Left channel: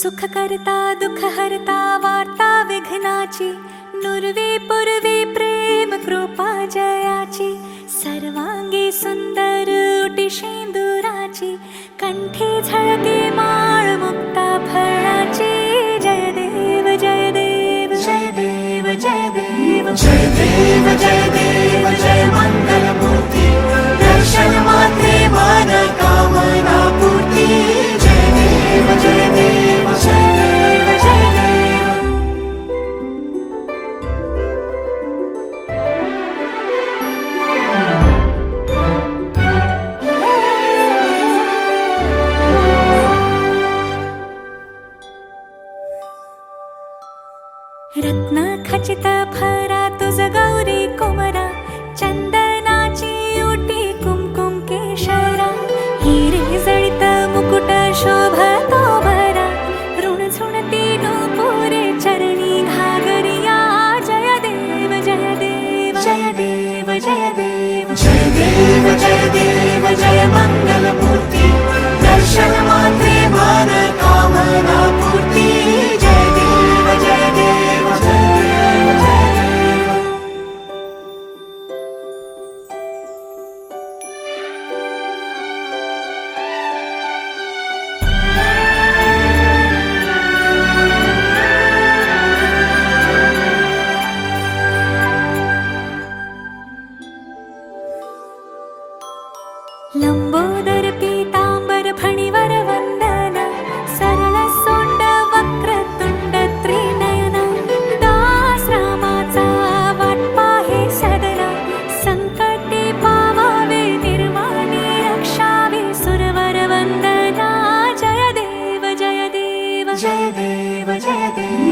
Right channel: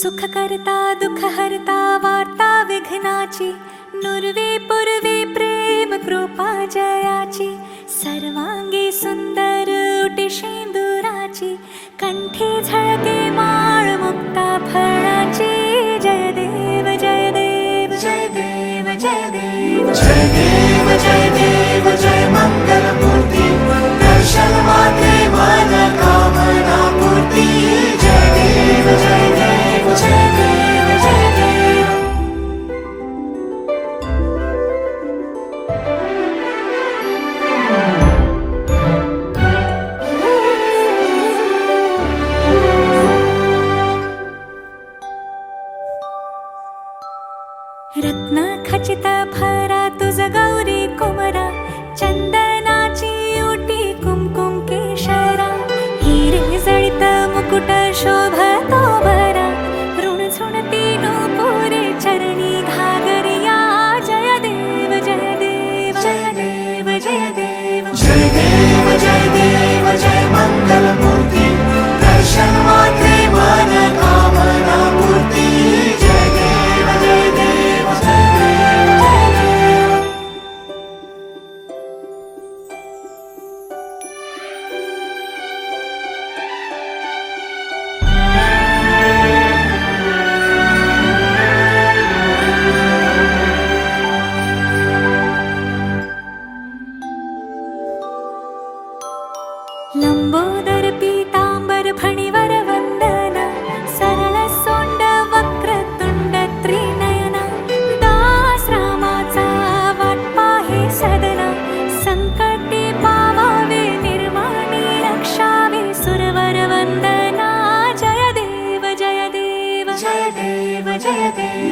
सुख करता दुःख हरता वार्ता विघ्नाची, नुरवी पूर्वी प्रेम कृपा जयाची, सर्वांगी सुंदर उटी शेंदुराची, कंठी झळके माळ मुक्ता फळाची. जय देव जय देव जय देव जय देव जय देव जय देव जय मंगल मूर्ती, दर्शन मात्रे मन कामना पूर्ती. जय देव जय देव जय देव जय देव. रत्न खचित भरा तुझ गौरी कुमरा, चंदनाची उटी कुमकुम केशरा, हिरे जळित मुकुट शोभतो भरा, ऋण झुणती नूपुरे चरणी घागरिया. जय देव जय देव जय देव जय देव जय देव जय देव जय मंगल मूर्ती, दर्शन मात्रे मन कामना पूर्ती. जय देव जय देव जय देव जय देव. लंबोदर पीतांबर फणीवर वंदना, सरळ सोंड वक्रतुंड त्रिनयना, दास रामाचा वाटपा हे सदना, संकटे पावावे निर्वाणी रक्षावे सुरवर वंदना. जय देव जय देव जय देव जय देव